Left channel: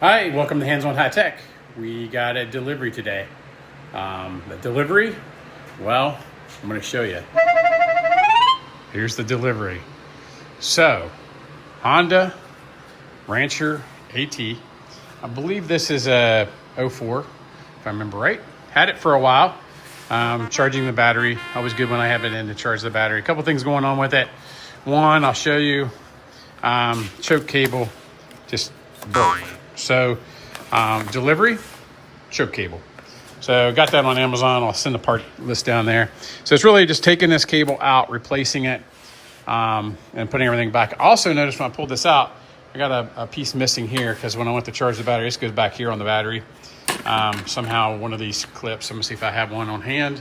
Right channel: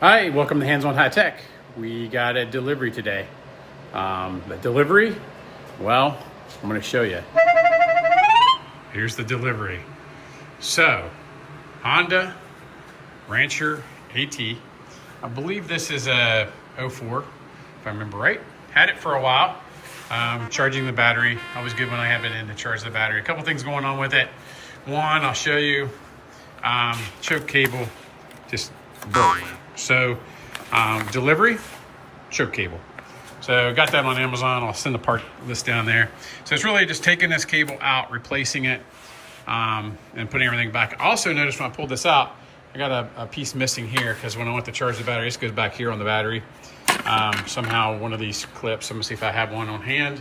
Hi, welcome to Hands on High Tech. We got a delivery today. The delivery, well, I'm going to show you. Here's the delivery. So, Honda Rancher AT. I believe this is a 04, if I remember right. Had it for a while. Charging the battery. Always good when I have it in to charge the battery. A couple things going on with it. One, I'll show you. Choke cable just broke. So delivery, choke cable. So got that on Amazon. I'll send a part list down there. So it's really just taking this cable out, replacing it, and putting everything back. I also noticed when I pulled this out, I got a piece missing here because when I went to charge the battery, this goes back here on the battery. Somehow one of these clips, I'm gonna see if I have one on hand.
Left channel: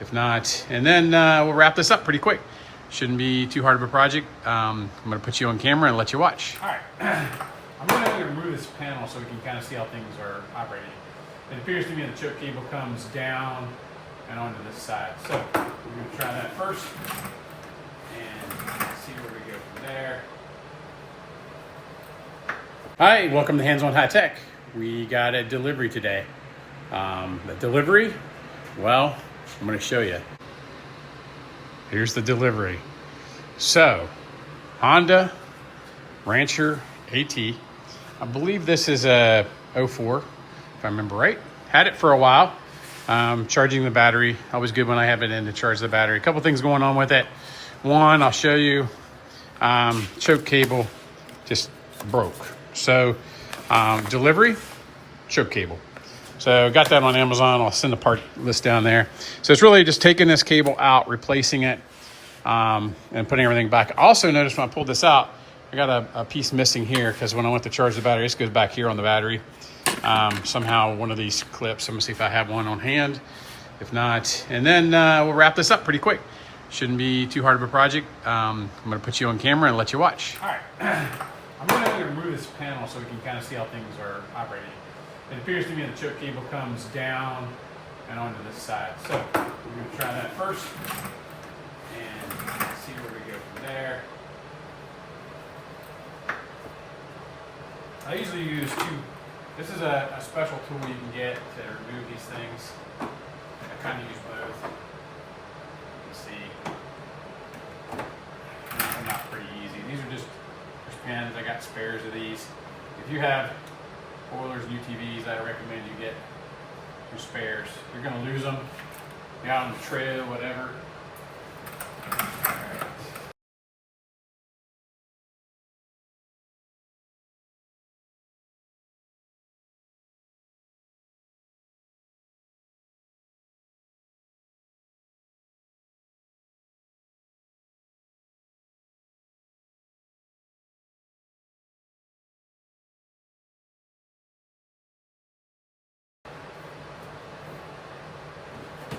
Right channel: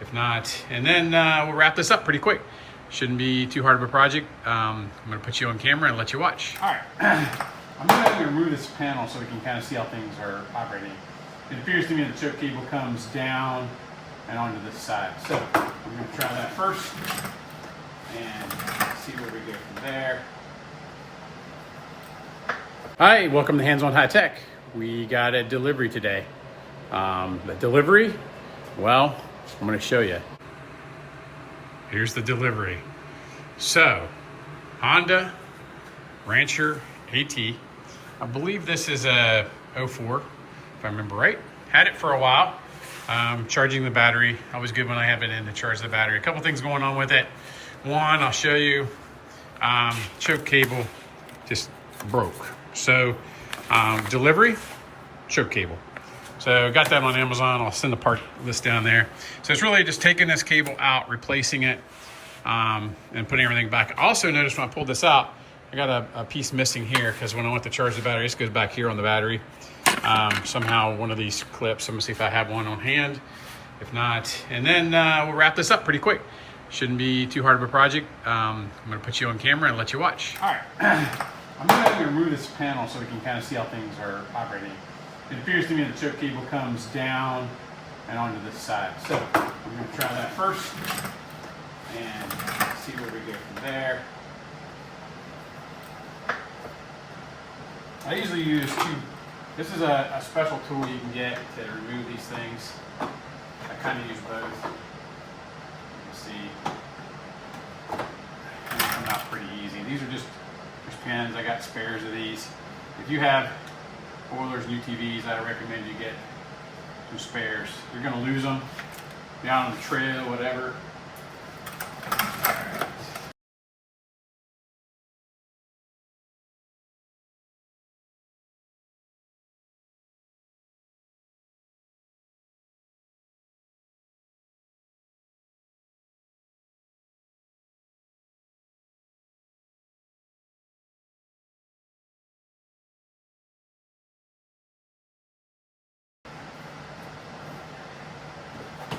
If not, and then we'll wrap this up pretty quick. Shouldn't be too hard of a project. I'm gonna put you on camera and let you watch. All right. I'm going to remove this panel so we can kind of see how things are operating. It appears to me the choke cable comes down and onto this side. So we're going to try that first and see where we go from there. Hi, welcome to Hands on High Tech. We got a delivery today. The delivery, well, I'm going to show you. Here's the delivery. So, Honda Rancher AT. I believe this is a 04, if I remember right. Had it for a while. Charging the battery. Always good when I have it in to charge the battery. A couple things going on with it. One, I'll show you. Choke cable just broke. So delivery, choke cable. So got that on Amazon. I'll send a part list down there. So it's really just taking this cable out, replacing it, and putting everything back. I also noticed when I pulled this out, I got a piece missing here because when I went to charge the battery, this goes back here on the battery. Somehow one of these clips, I'm gonna see if I have one on hand. If not, and then we'll wrap this up pretty quick. Shouldn't be too hard of a project. I'm gonna put you on camera and let you watch. All right. I'm gonna remove this panel so we can kind of see how things are operating. It appears to me the choke cable comes down and onto this side. So we're gonna try that first and see where we go from there. I usually use this is a special tool you can get to remove these things. I kind of use both. Let's see. They're not pretty easy. These are just pins. I got spares of these. If you have boilers, new TVs, I recommend you get your spares. You're going to lose them. Be out on the trail, whatever. All right.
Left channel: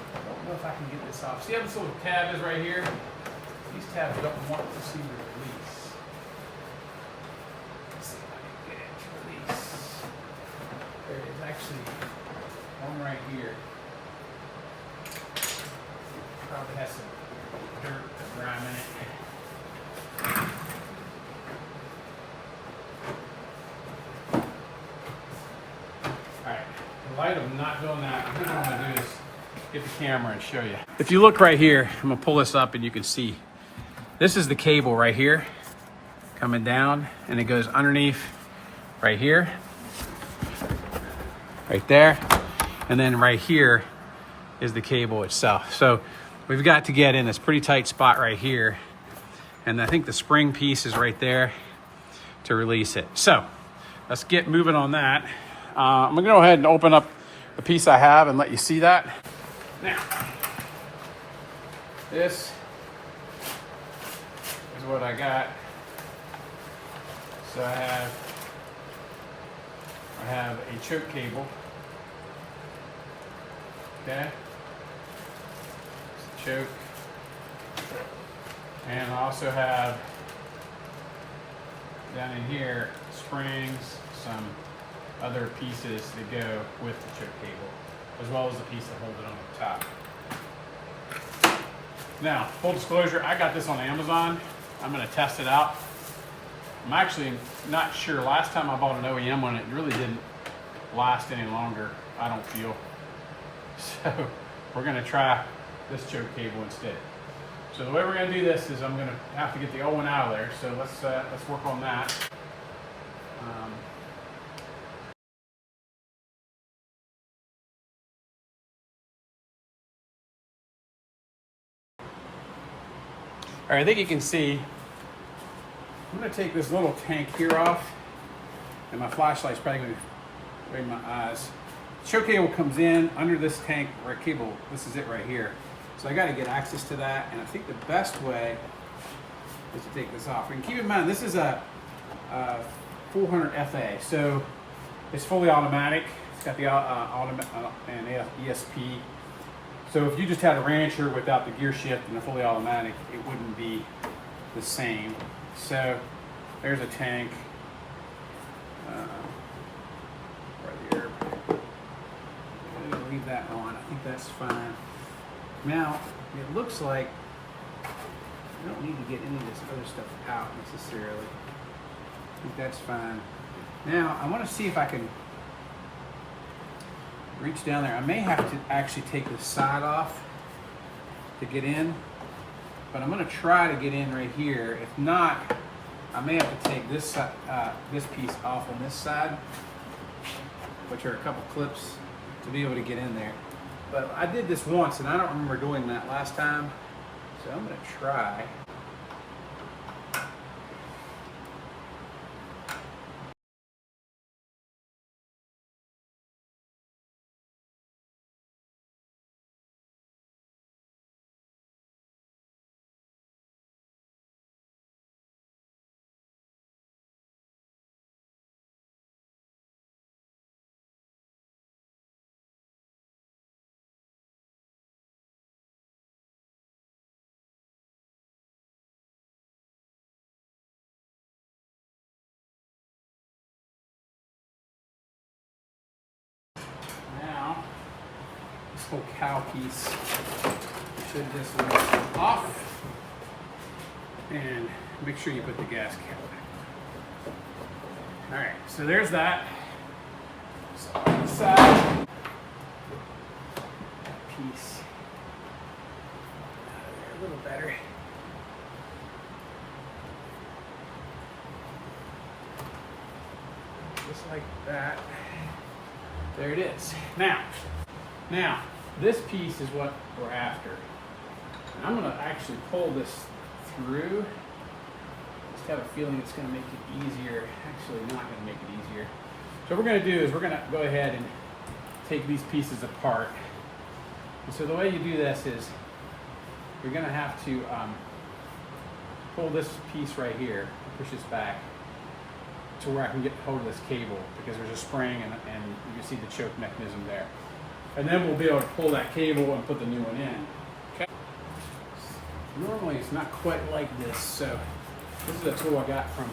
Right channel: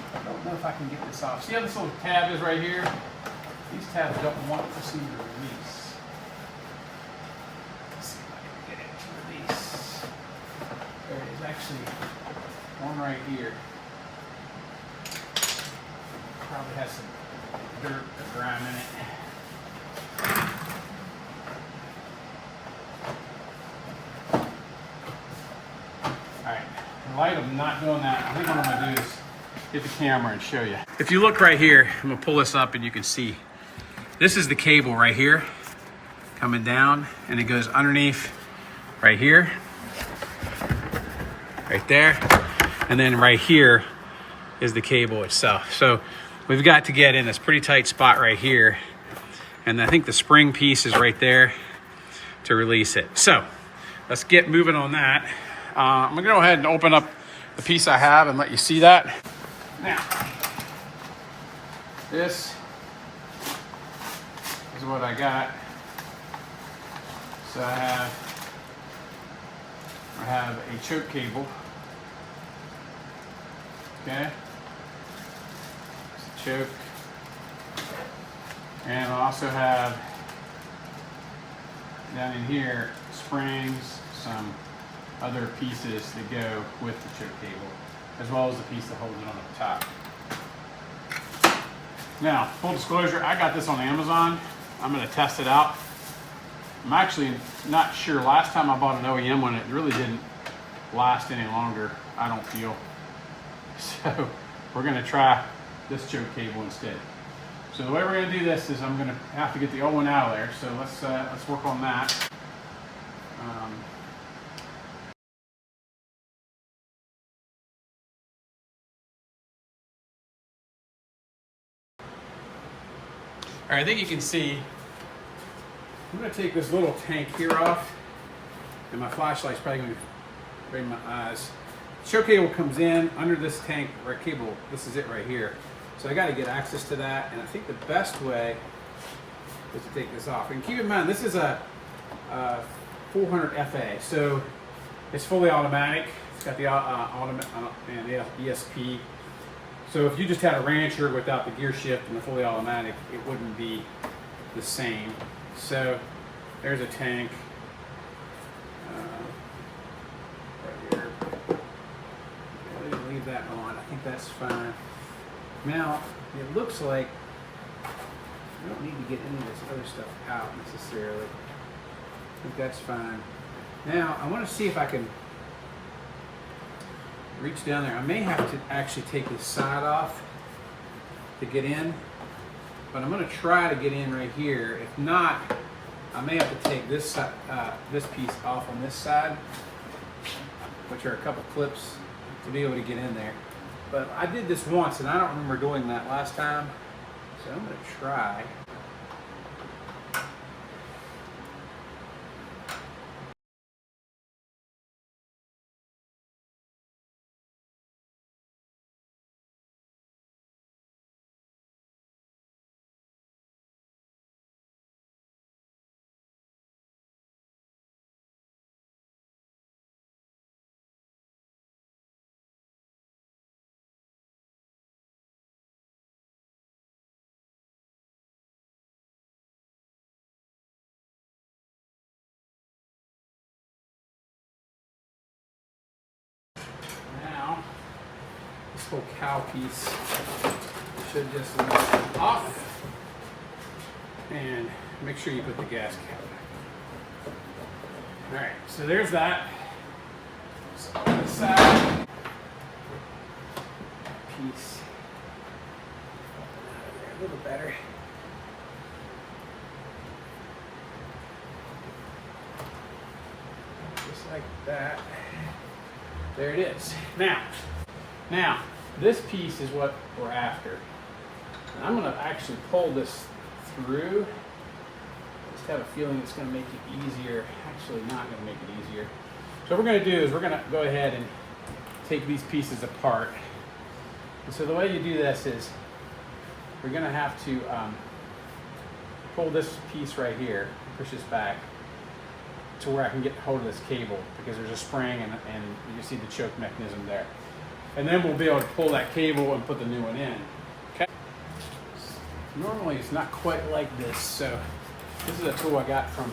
I don't know if I can get this off. See how this little tab is right here? These tabs don't want to seem to release. Let's see if I can get it to release. There is actually one right here. Probably has some dirt or grime in it. Alright, in light of not doing that, I think what I'm going to do is get the camera and show you. If you look right here, I'm going to pull this up and you can see. This is the cable right here coming down, and it goes underneath right here, right there, and then right here is the cable itself. So we've got to get in this pretty tight spot right here, and I think the spring piece is right there to release it. So let's get moving on that. I'm gonna go ahead and open up the piece I have and let you see that. Now, this is what I got. So I have a choke cable. Okay. It's a choke. And I also have down in here springs, some other pieces that go with the choke cable, as well as the piece that holds it on the top. Now, full disclosure, I got this on Amazon. I'm going to test it out. I'm actually not sure. Last time I bought an OEM one, it really didn't last any longer, I don't feel. So we're gonna try this choke cable instead. So the way we're gonna do this is I'm gonna have to get the old one out of there. So let's work on that. All right, I think you can see, I'm gonna take this little tank here off, and my flashlight's probably gonna be in my eyes. The choke cable comes in under this tank, right cable, this is it right here. So I gotta get access to that, and I think the best way is to take this off. And keep in mind, this is a 400FA, so it's fully automatic. It's got the and ESP. So if you just had a Rancher without the gear shift and the fully automatic, it wouldn't be the same. So there's a tank right here. Leave that on. I think that's fine. Now it looks like I don't need to get any of this other stuff out necessarily. I think that's fine. Now I want to see if I can reach down there. I may have to actually take the side off to get in, but I'm going to try to get in right here. If not, I may have to take this this piece off on this side, which are a couple clips, to be able to get in there. But I did this once and I don't remember doing that last time, so I'm going to try. Now, this whole cow piece should just lift off, and make sure you put the gas cap back. All right, so there's that side piece. Open out of there a little better. Just like that. There it is. Now, this piece is what we're after. And I'm gonna actually pull this through. I just have a feeling it's gonna make it easier. Actually not gonna make it easier. So what we're gonna do is we're gonna go ahead and take these pieces apart. And so the way you do this is we're gonna have to pull this piece right here, push this back to where I can get hold of this cable, because there's a spring and you can see the choke mechanism there. And then we'll be able to pull that cable and put the new one in. Okay. Normally it's not quite like this, so this is a tool I got from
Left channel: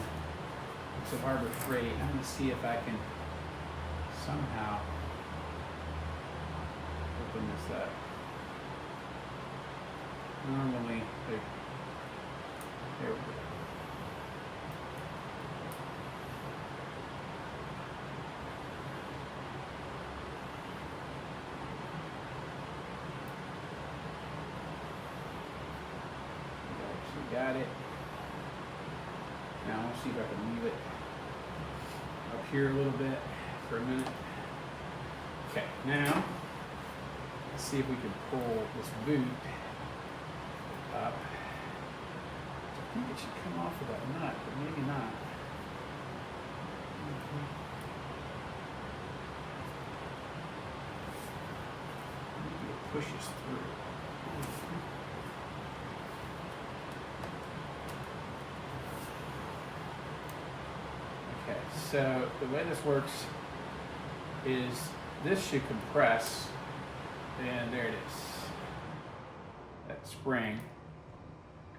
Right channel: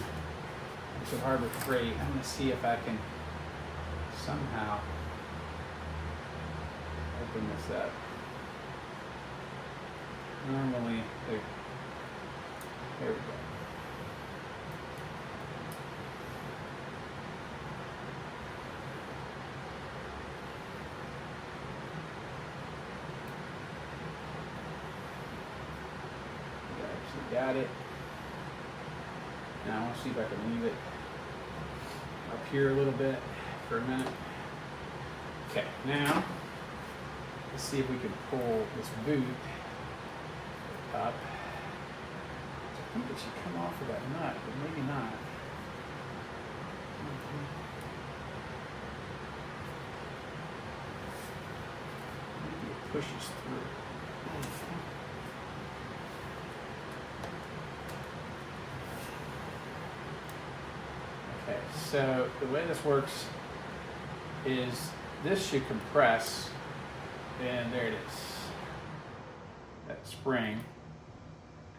Harbor Freight. I'm gonna see if I can somehow open this up. Normally, there we go. Got it. Now I want to see if I can leave it up here a little bit for a minute. Okay, now let's see if we can pull this boot up. I think it should come off of that nut, but maybe not. Maybe it pushes through. Okay, so the way this works is this should compress, and there it is. That spring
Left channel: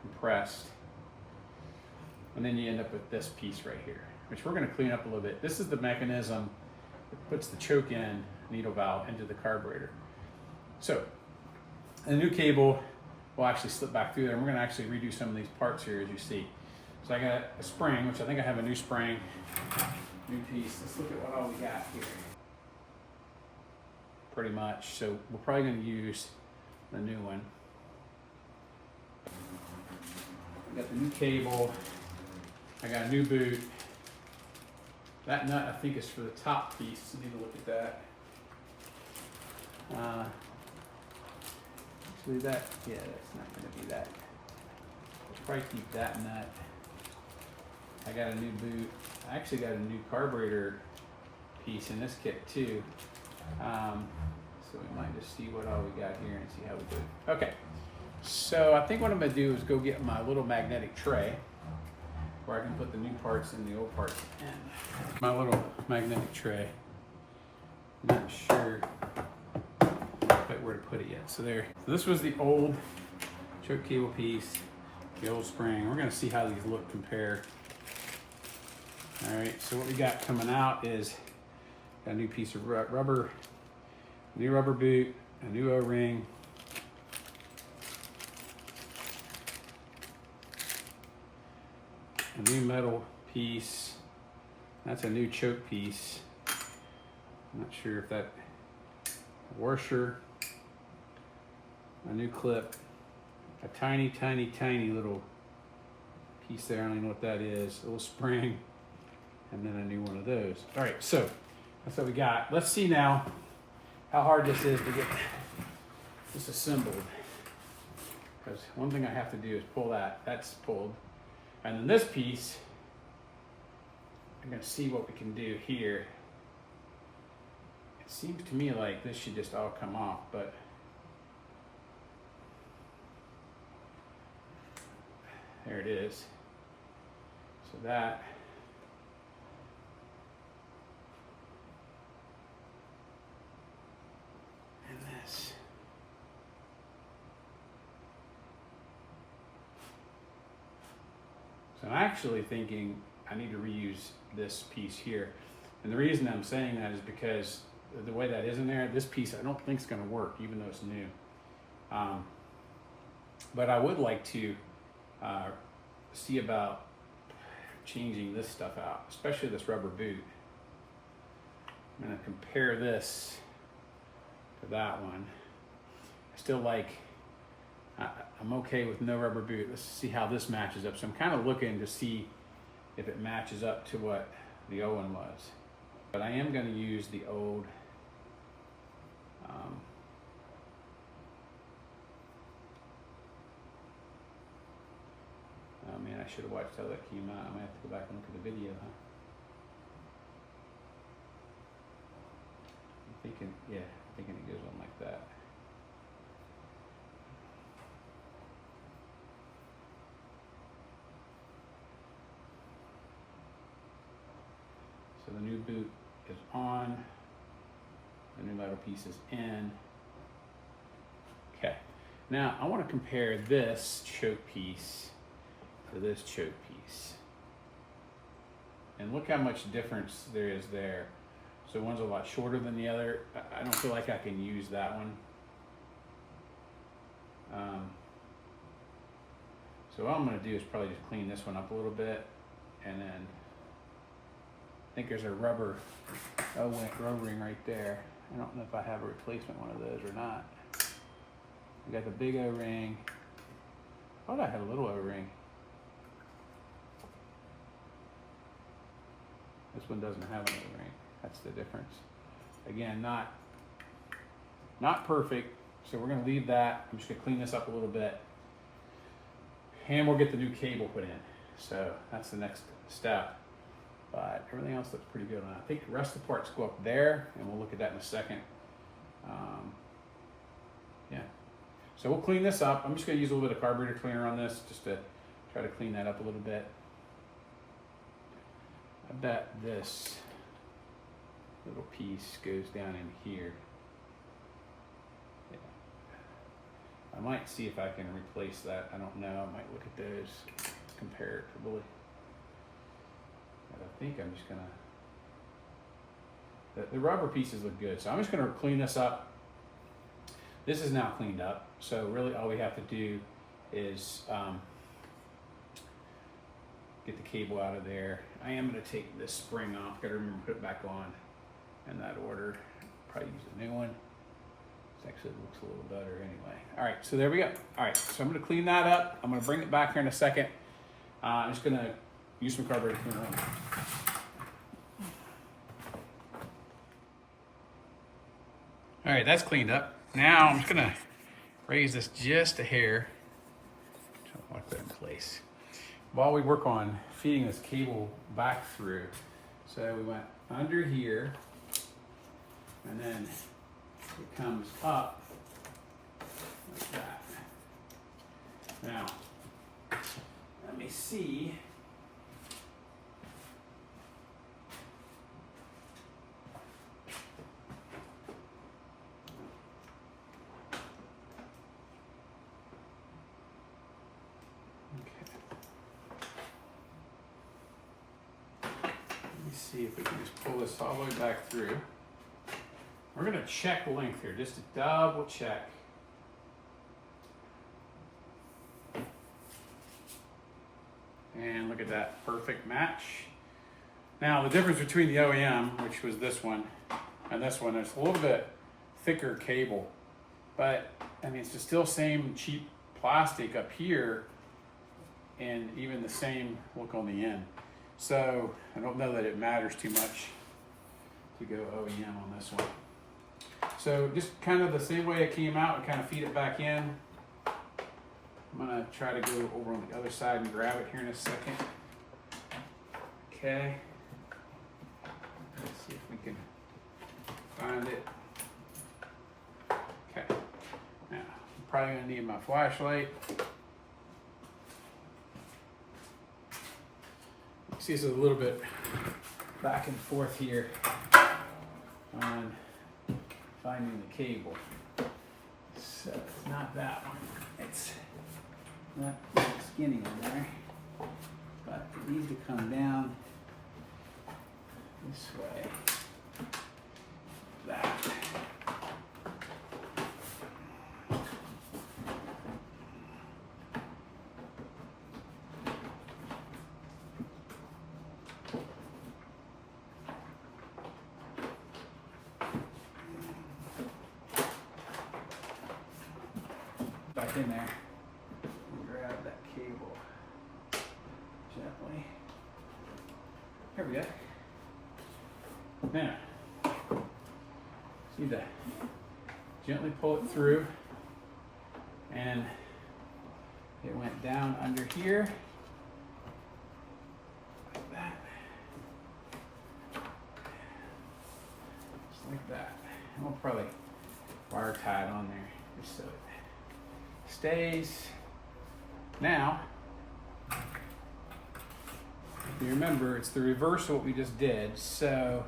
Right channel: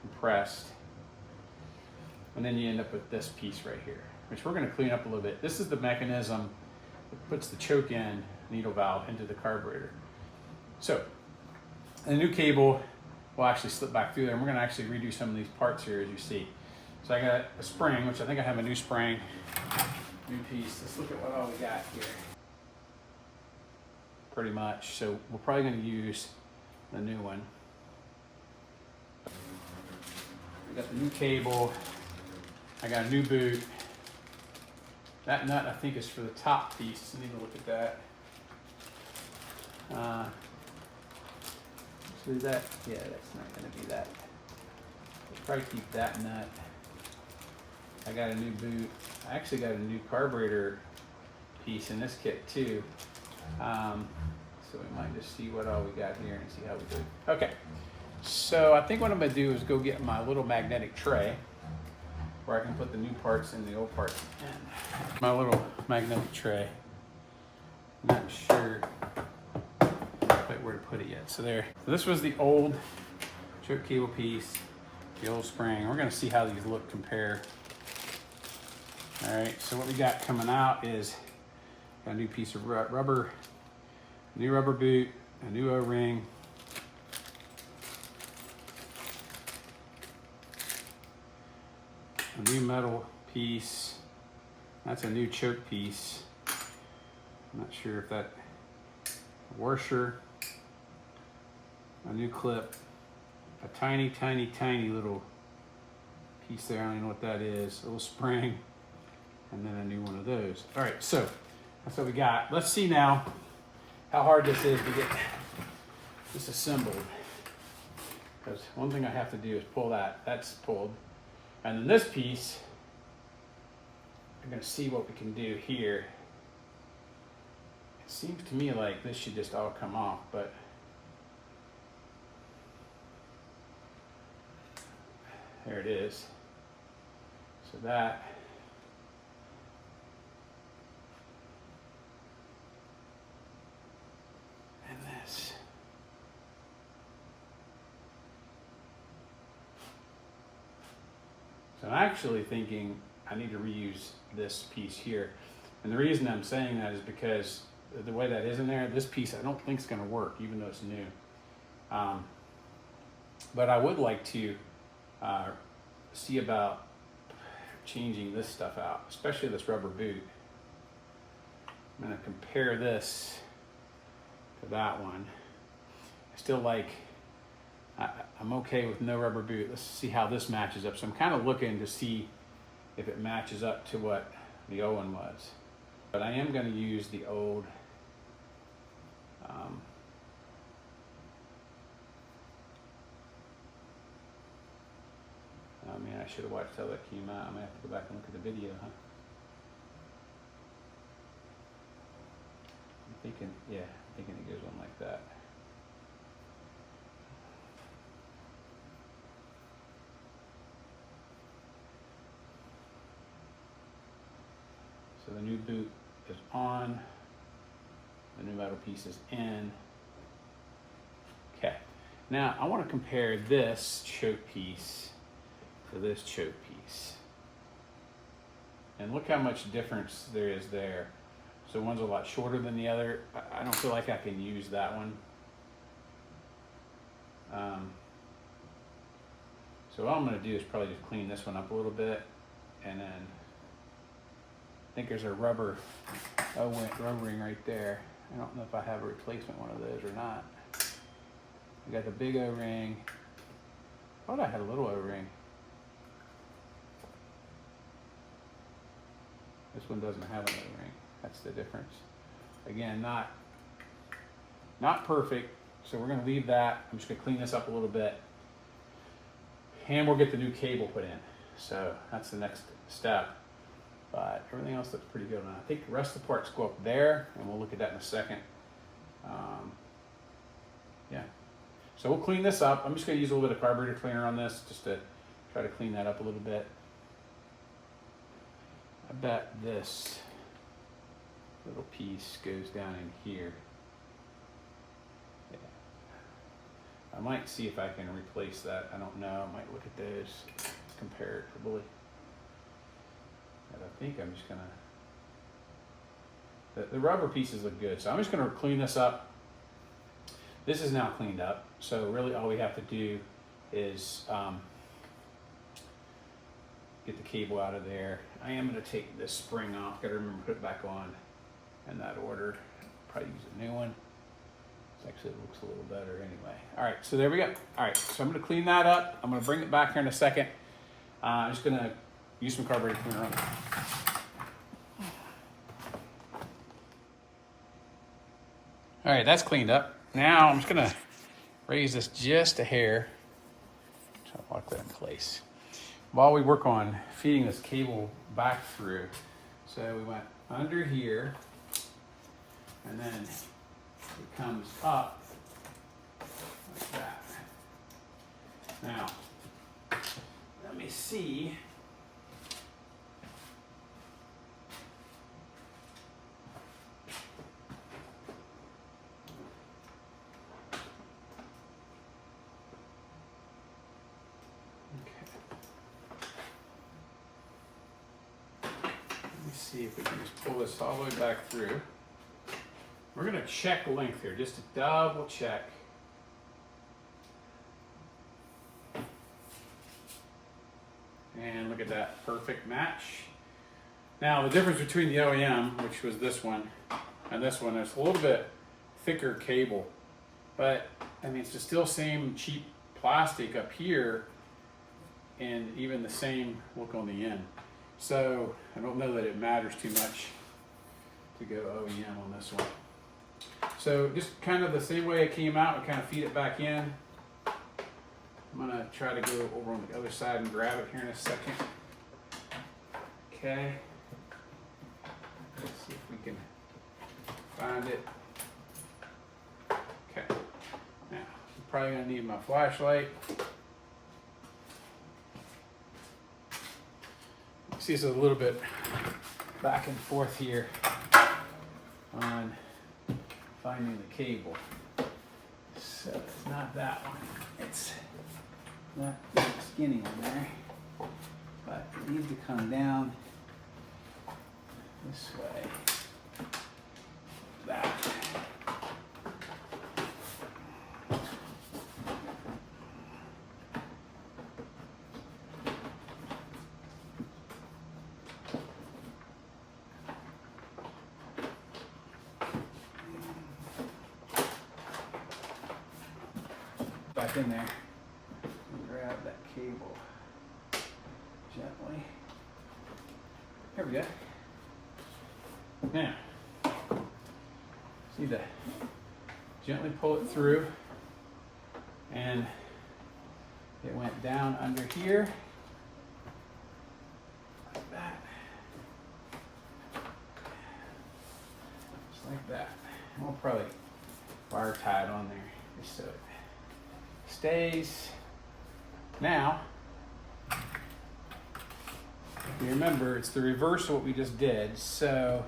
compressed, and then you end up with this piece right here, which we're going to clean up a little bit. This is the mechanism that puts the choke in needle valve into the carburetor. So the new cable will actually slip back through there, and we're going to actually redo some of these parts here, as you see. So I got a spring, which I think I have a new spring, new piece. Let's look at what all we got here. Pretty much. So we're probably going to use the new one. I got the new cable. I got a new boot. That nut I think is for the top piece. I need to look at that. Actually that, yeah, that's not going to be that. I'll probably keep that nut. I got a new boot. I actually got a new carburetor piece in this kit too. So we might just see what all we got here and see how we do. Okay, so I think what I'm gonna do is go get my little magnetic tray where I can put the new parts and the old parts in. My little magnetic tray. Not sure quite where to put it yet. So there. So this was the old choke cable piece, the old spring. We're gonna see how these look compared. All right, so what we got coming out is a new piece of rubber, a new rubber boot, a new O-ring, a new metal piece. That's a new choke piece. I'm not sure if that, a washer, a new clip, a tiny, tiny, tiny little piece there. I don't even know what that is. A little spring, and then a new one of those. All right, so that's what we got. Let's see now how hard this is to get this assembled. Because one thing I have to do is pull that. That's pulled. And then this piece, I'm gonna see what we can do here. It seems to me like this should just all come off, but there it is. So that, and this. So I'm actually thinking I need to reuse this piece here. And the reason I'm saying that is because the way that is in there, this piece I don't think is gonna work, even though it's new. But I would like to see about changing this stuff out, especially this rubber boot. I'm gonna compare this to that one. I still like, I'm okay with no rubber boot. Let's see how this matches up. So I'm kind of looking to see if it matches up to what the old one was. But I am gonna use the old, oh man, I should have watched how that came out. I might have to go back and look at the video, huh? I'm thinking, yeah, I'm thinking it goes on like that. So the new boot is on, the new metal piece is in. Okay, now I want to compare this choke piece to this choke piece. And look how much difference there is there. So one's a lot shorter than the other. I don't feel like I can use that one. So what I'm gonna do is probably just clean this one up a little bit, and then I think there's a rubber O-ring right there. I don't know if I have a replacement one of those or not. I got the big O-ring. I thought I had a little O-ring. This one doesn't have an O-ring. That's the difference. Again, not perfect, so we're gonna leave that. I'm just gonna clean this up a little bit. And we'll get the new cable put in. So that's the next step. But everything else looks pretty good on it. I think the rest of the parts go up there, and we'll look at that in a second. Yeah. So we'll clean this up. I'm just gonna use a little bit of carburetor cleaner on this just to try to clean that up a little bit. I bet this little piece goes down in here. Yeah. I might see if I can replace that. I don't know. I might look at those comparatively. And I think I'm just gonna, the rubber pieces look good. So I'm just gonna clean this up. This is now cleaned up. So really all we have to do is get the cable out of there. I am gonna take this spring off. Gotta remember to put it back on in that order. Probably use a new one. It actually looks a little better anyway. All right, so there we go. All right, so I'm gonna clean that up. I'm gonna bring it back here in a second. I'm just gonna use some carburetor cleaner on it. All right, that's cleaned up. Now I'm just gonna raise this just a hair. Try to lock that in place. While we work on feeding this cable back through. So we went under here, and then it comes up like that. Now, let me see. See if we can just pull this all the way back through. We're going to check length here, just to double check. And look at that, perfect match. Now the difference between the OEM, which was this one, and this one, there's a little bit thicker cable. But, I mean, it's just still same cheap plastic up here, and even the same look on the end. So I don't know that it matters too much to go OEM on this one. So just kind of the same way it came out, we kind of feed it back in. I'm gonna try to go over on the other side and grab it here in a second. Okay. Let's see if we can find it. Okay. Now, I'm probably gonna need my flashlight. See, it's a little bit back and forth here on finding the cable. So it's not that one. It's not skinny in there, but it needs to come down this way. That. Back in there and grab that cable gently. There we go. Now, see to gently pull it through, and it went down under here like that, just like that. And we'll probably wire tie it on there just so it stays. Now, if you remember, it's the reverse of what we just did. So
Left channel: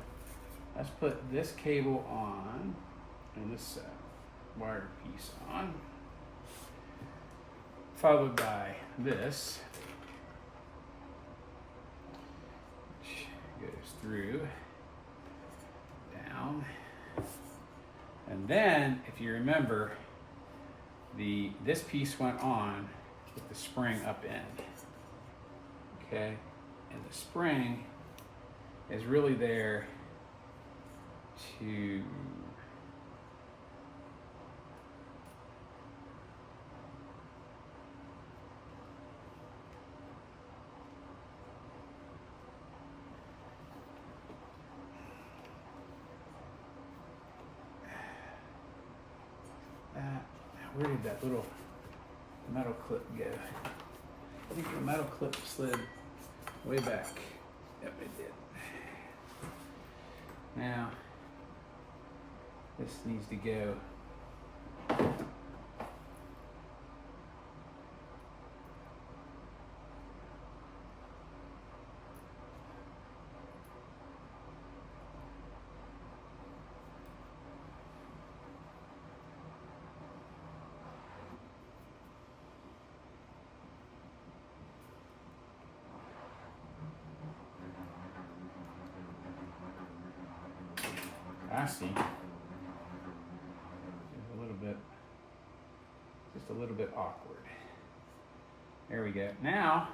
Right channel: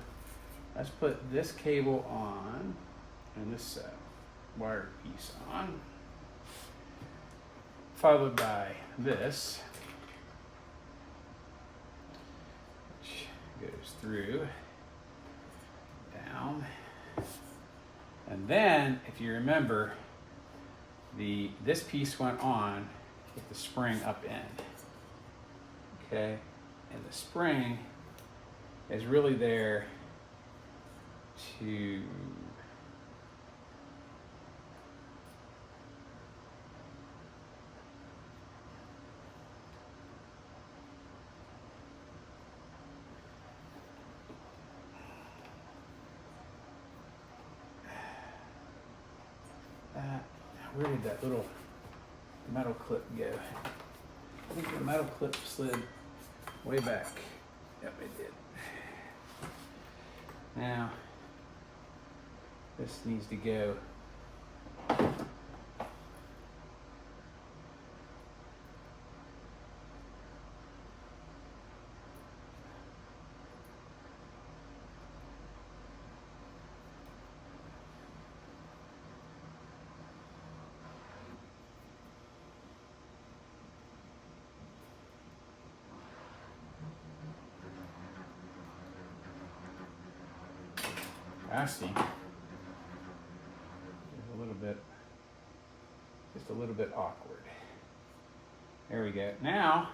let's put this cable on and this wire piece on, followed by this, which goes through, down, and then, if you remember, this piece went on with the spring up end, okay? And the spring is really there to where did that little metal clip go? I think the metal clip slid way back. Yep, it did. Now, this needs to go I see. Just a little bit awkward. There we go. Now,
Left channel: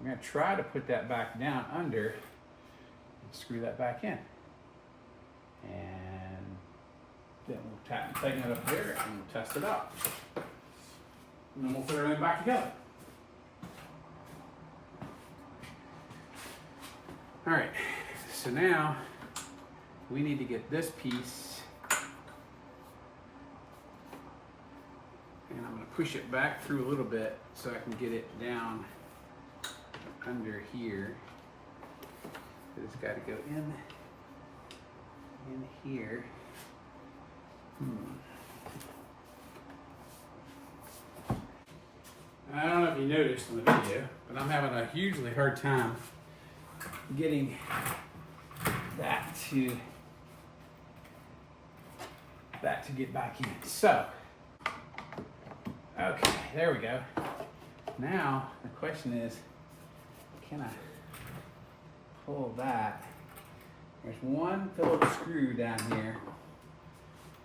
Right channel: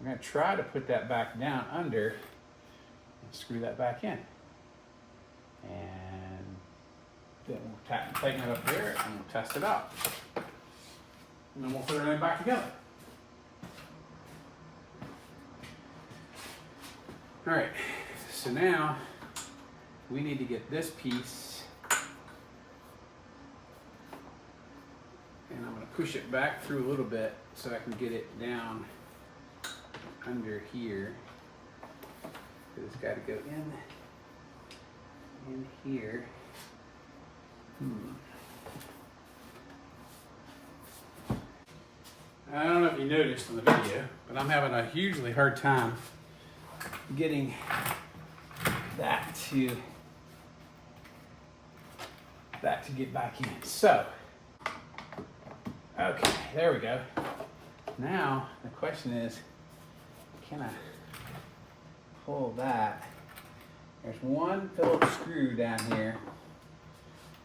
I'm going to try to put that back down under and screw that back in. And then we'll tighten it up there and we'll test it out. And then we'll put everything back together. All right, so now we need to get this piece, and I'm going to push it back through a little bit so I can get it down under here. It's got to go in here. I don't know if you noticed in the video, but I'm having a hugely hard time getting that to get back in. So, okay, there we go. Now the question is, can I pull that? There's one Phillips screw down here,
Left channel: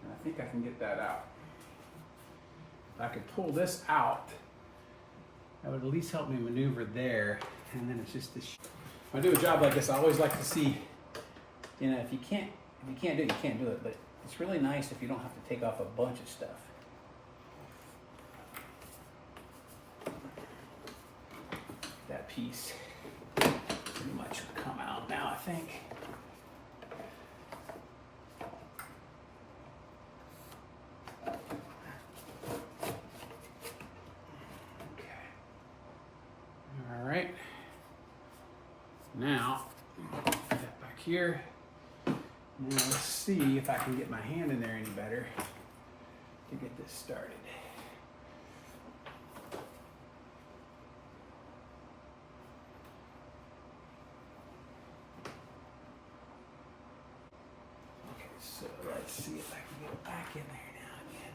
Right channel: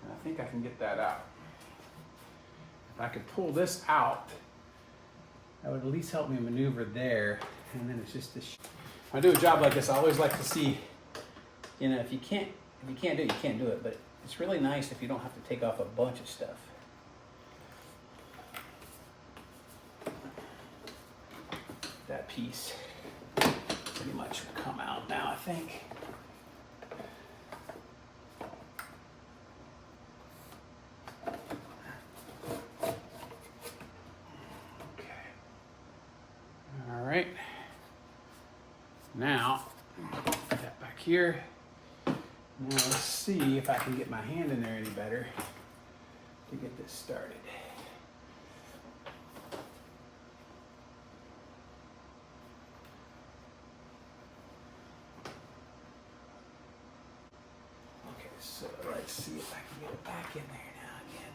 and I think I can get that out. If I could pull this out, that would at least help me maneuver there. And then it's just this. When I do a job like this, I always like to see, you know, if you can't do it, you can't do it. But it's really nice if you don't have to take off a bunch of stuff. That piece pretty much will come out now, I think. Now, put that back here. Now let's see if I can get my hand in there any better to get this started. Okay, so let's see if I can get it back in there now again.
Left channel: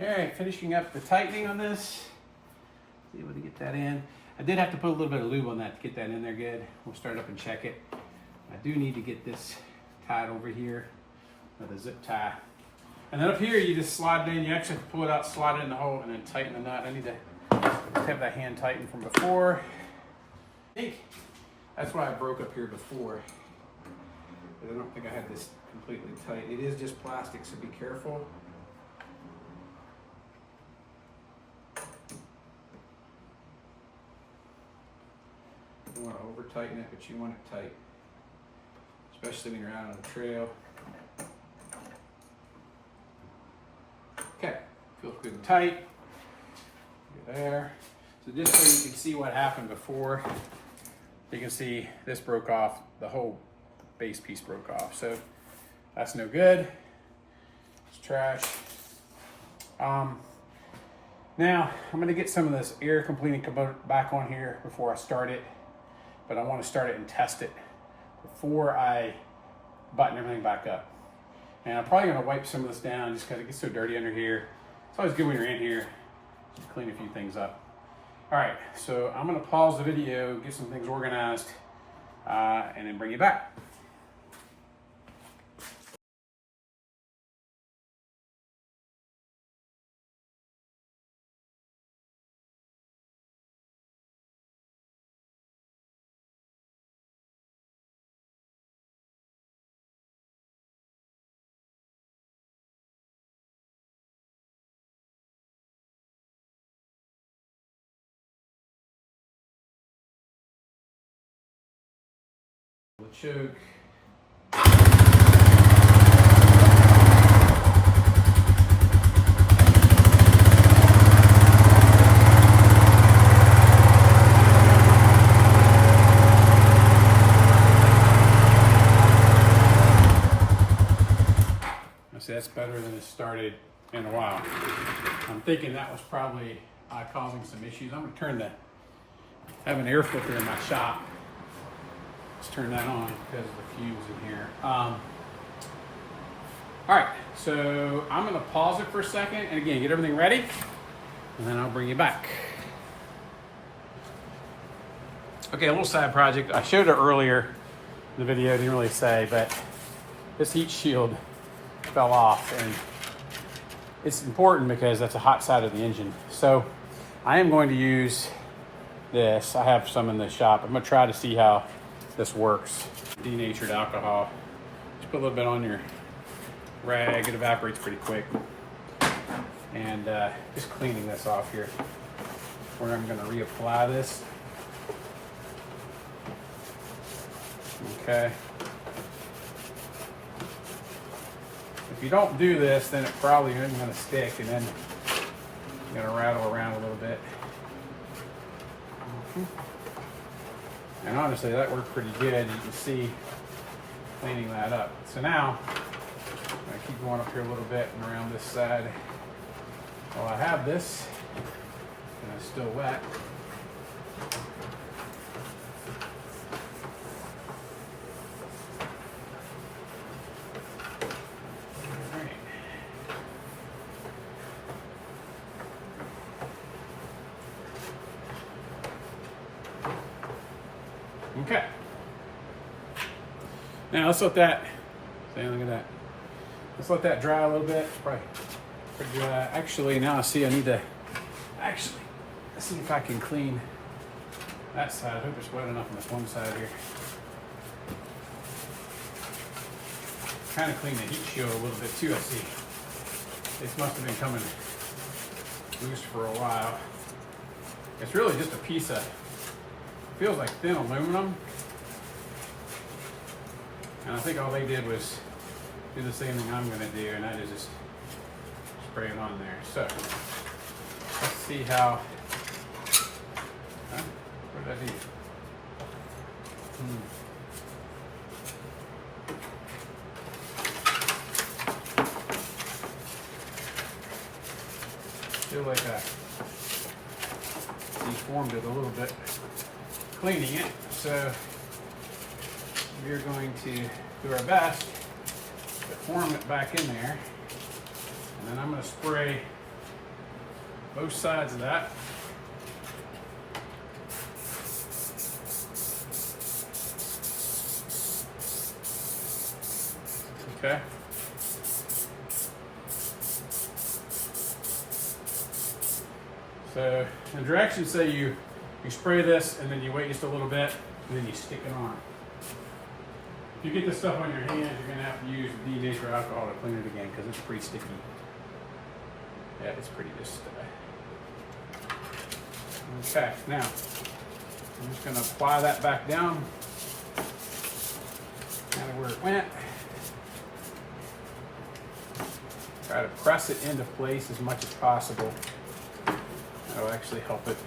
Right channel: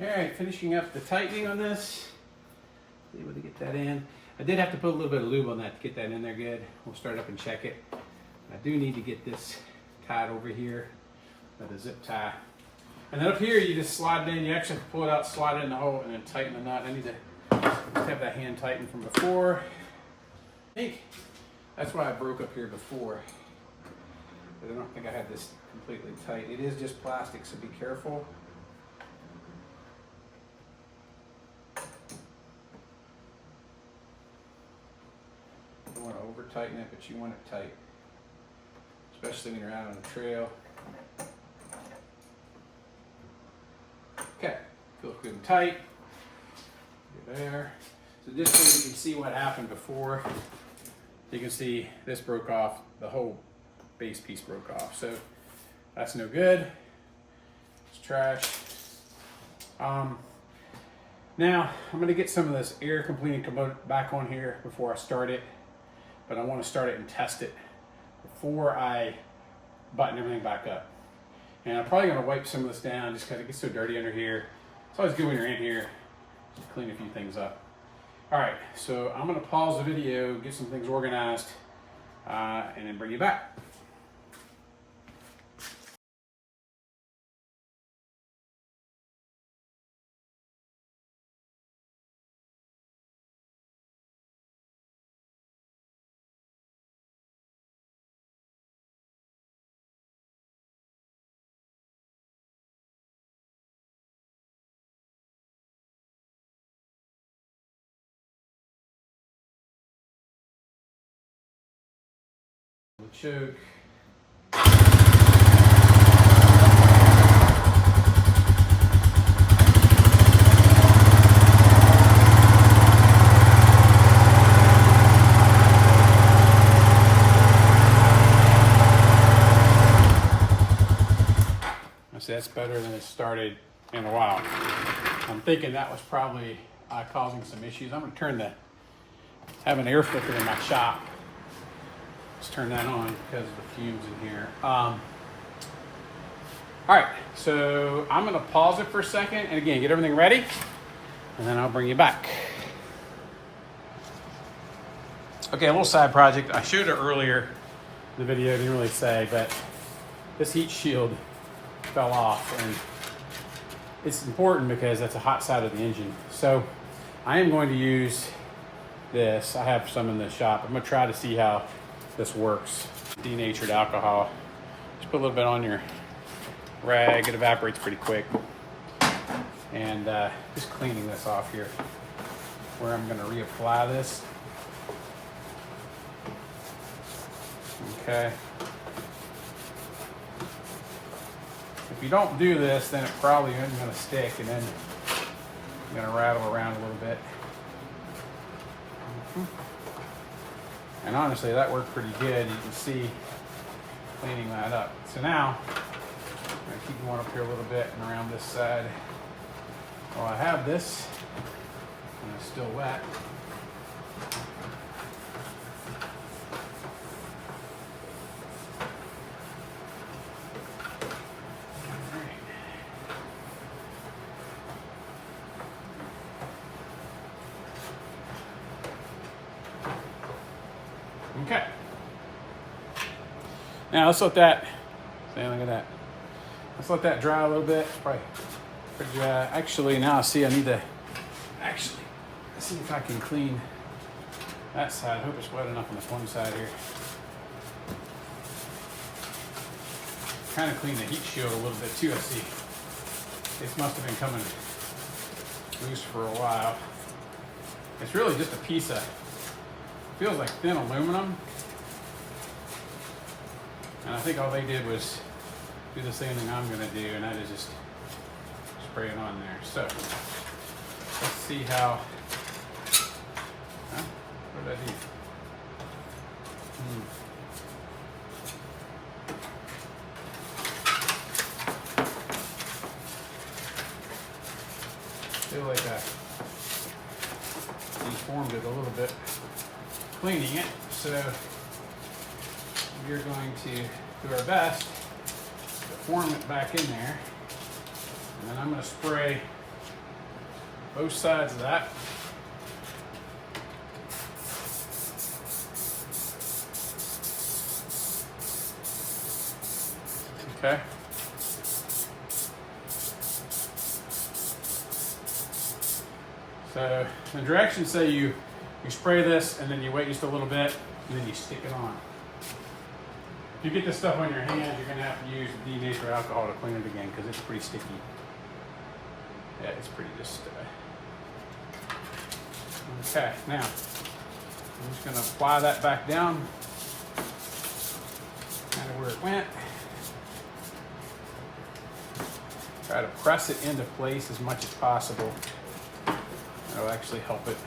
All right, finishing up the tightening on this. Able to get that in. I did have to put a little bit of lube on that to get that in there good. We'll start up and check it. I do need to get this tied over here with a zip tie. And then up here, you just slide it in. You actually have to pull it out, slide it in the hole, and then tighten the knot. I need to have that hand tightened from before. I think that's why I broke up here before. But I don't think I had this completely tight. It is just plastic, so be careful. You don't want to over tighten it, but you want it tight, especially when you're out on the trail. Okay, feels good and tight. There. So just so you can see what happened before, you can see this broke off, the whole base piece broke off. So that's no good. It's trash. Now I'm going to get some of this air completing component back on here before I start it, but I want to start it and test it before I button everything back up. And I'm probably going to wipe some of this down just because it gets so dirty under here. It's always good when you're in here to clean a few things up. All right, so I'm going to pause the video, get some things organized, and then bring you back. The choke. better than it started in a while. I'm thinking that was probably causing some issues. I'm gonna have an air filter in my shop. Let's turn that on because of the fumes in here. All right, so I'm gonna pause it for a second and again, get everything ready and then I'll bring you back. Okay, a little side project. I showed it earlier in the video, didn't really say, but this heat shield fell off and it's important because that's a hot side of the engine. So I am going to use this. I have some in the shop. I'm gonna try to see how this works. Denatured alcohol. Just put a little bit on your rag. It evaporates pretty quick. And just cleaning this off here where I'm gonna reapply this. Okay. If you don't do this, then it probably isn't gonna stick and then you're gonna rattle around a little bit. And honestly, that worked pretty good. You can see cleaning that up. So now, I'm gonna keep going up here a little bit and around this side. Well, I have this, and it's still wet. All right. Okay. Now let's let that, look at that. Let's let that dry a little bit. It's probably pretty dry. Actually, now I see I need to, let's see if I can clean that side. I hope it's wet enough on this one side here. Kind of clean the heat shield a little bit too, I see. This must have been coming loose for a while. It's really just a piece of, feels like thin aluminum. And I think all they did was do the same thing I'm gonna do, and that is just spray it on there. So, let's see how, what did I do? Feel like I deformed it a little bit cleaning it, so we're going to do our best to form it back in there, and then I'm going to spray both sides of that. Okay. So the directions say you spray this and then you wait just a little bit and then you stick it on. If you get this stuff on your hands, you're going to have to use denatured alcohol to clean it again because it's pretty sticky. Yeah, it's pretty just. Okay, now I'm just going to apply that back down, kind of where it went. Try to press it into place as much as possible. That'll actually help it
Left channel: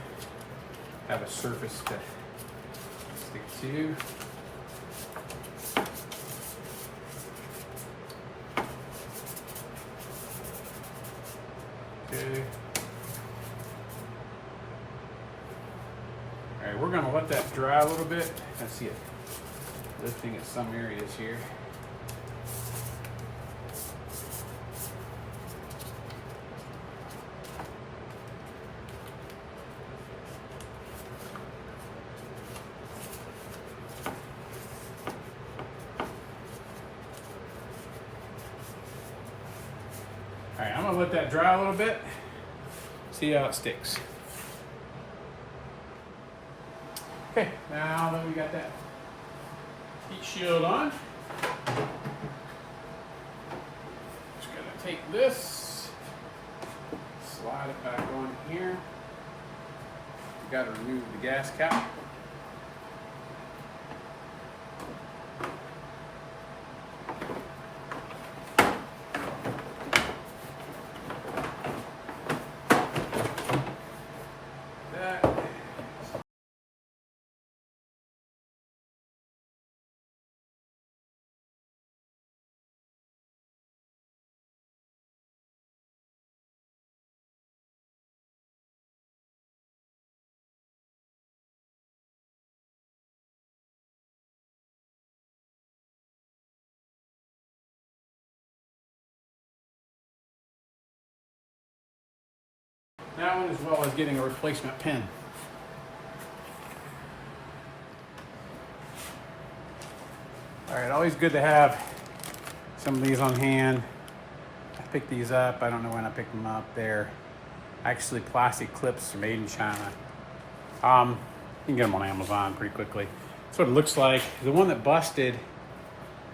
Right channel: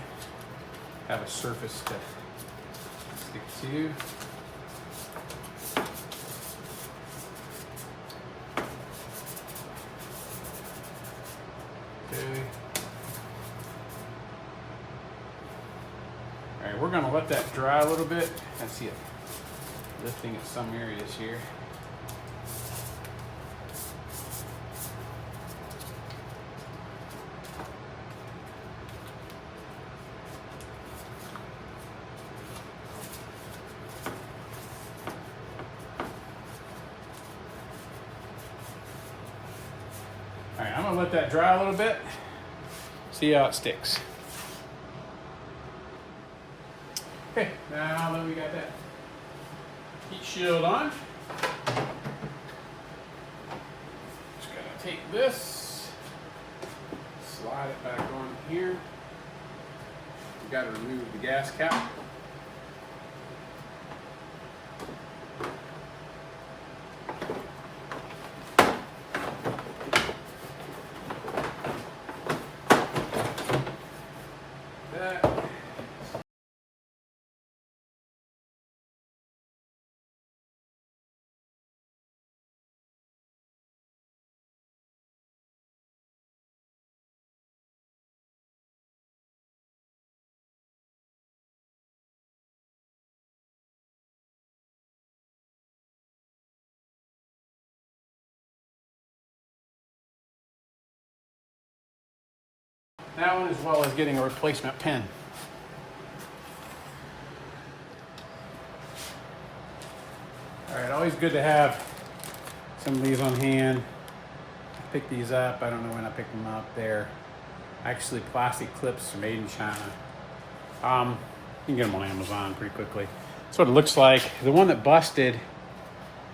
have a surface to stick to. Okay. All right, we're gonna let that dry a little bit. I see it lifting at some areas here. All right, I'm gonna let that dry a little bit, see how it sticks. Okay, now that we got that heat shield on, just gonna take this, slide it back on here. We gotta remove the gas cap. That one, as well as getting a replacement pin. All right, always good to have some of these on hand. I picked these up. I don't know when I picked them up. They're actually plastic clips made in China. You can get them on Amazon pretty quickly. That's what it looks like. The one that busted,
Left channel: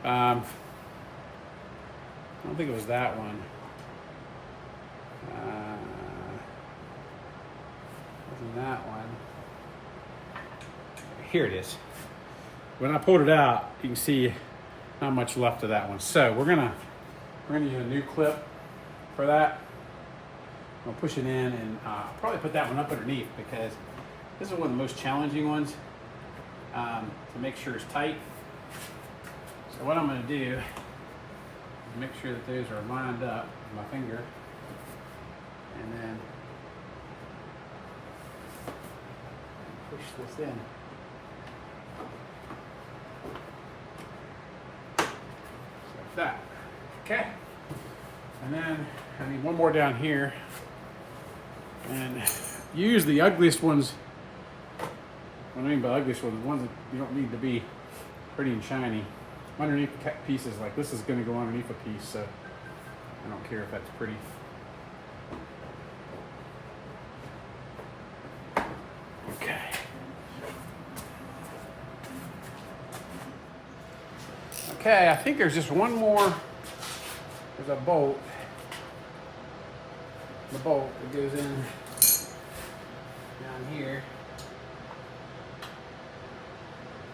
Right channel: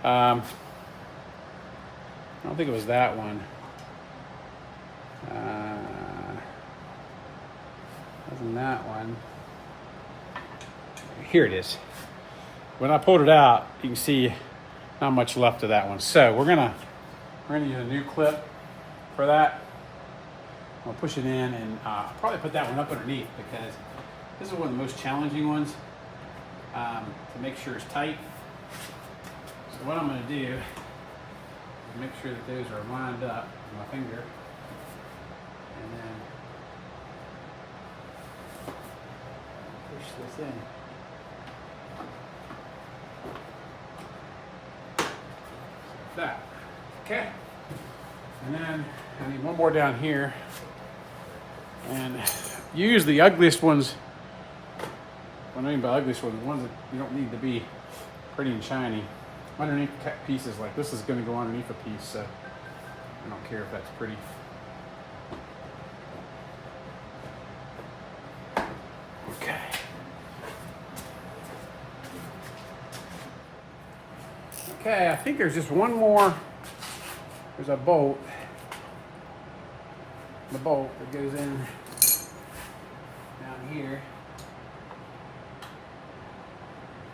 I don't think it was that one. Wasn't that one. Here it is. When I pulled it out, you can see not much left of that one. So we're gonna use a new clip for that. I'll push it in and probably put that one up underneath, because this is one of the most challenging ones to make sure it's tight. So what I'm gonna do is make sure that those are lined up with my finger, and then push this in. Like that. Okay. And then I need one more down here. And use the ugliest ones. What I mean by ugliest ones, the ones that you don't need to be pretty and shiny. Underneath pieces, like this is going to go underneath a piece, so I don't care if that's pretty. Okay. Okay, I think there's just one more. There's a bolt. The bolt that goes in down here.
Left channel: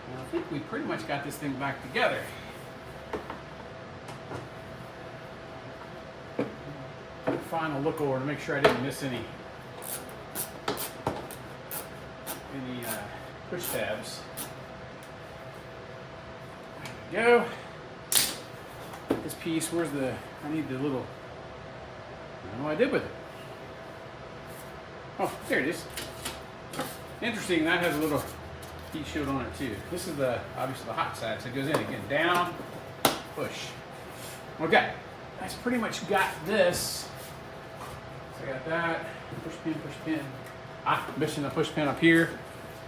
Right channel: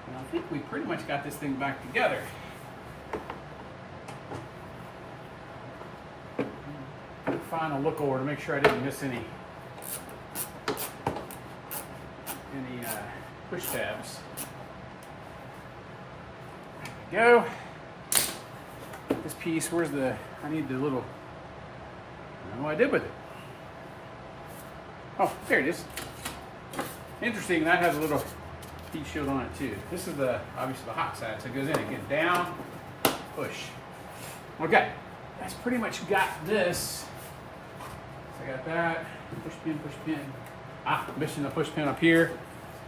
And I think we pretty much got this thing back together. Final look over to make sure I didn't miss any push tabs. There we go. This piece, where's the, I need the little, I don't know what I did with it. Oh, there it is. Interesting, that has a little heat shield on it too. This is the, obviously the hot side, so it goes in again, down, push. Okay, that's pretty much got this. So I got that, push pin. I'm missing a push pin up here.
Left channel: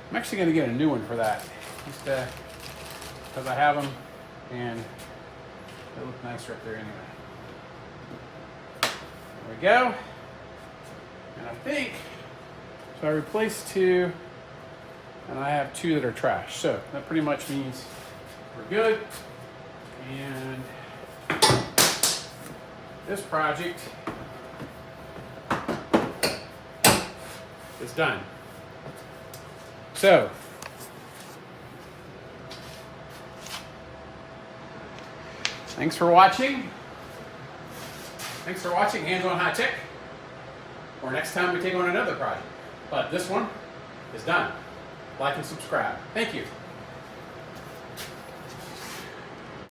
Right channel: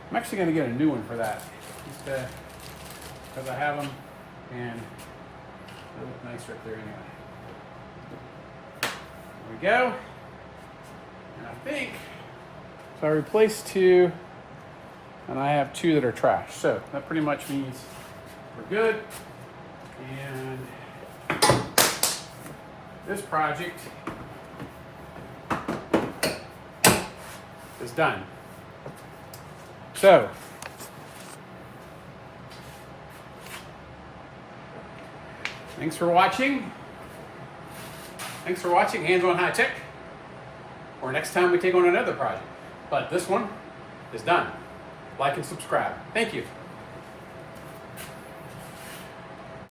I'm actually gonna get a new one for that, just because I have them, and they look nicer up there anyway. There we go. And I think, so I replaced two, and I have two that are trash. So that pretty much means we're good. And this project is done. So, thanks for watching. Thanks for watching Hands on High Tech. Or next time we take on another project. But this one is done. Like and subscribe. Thank you.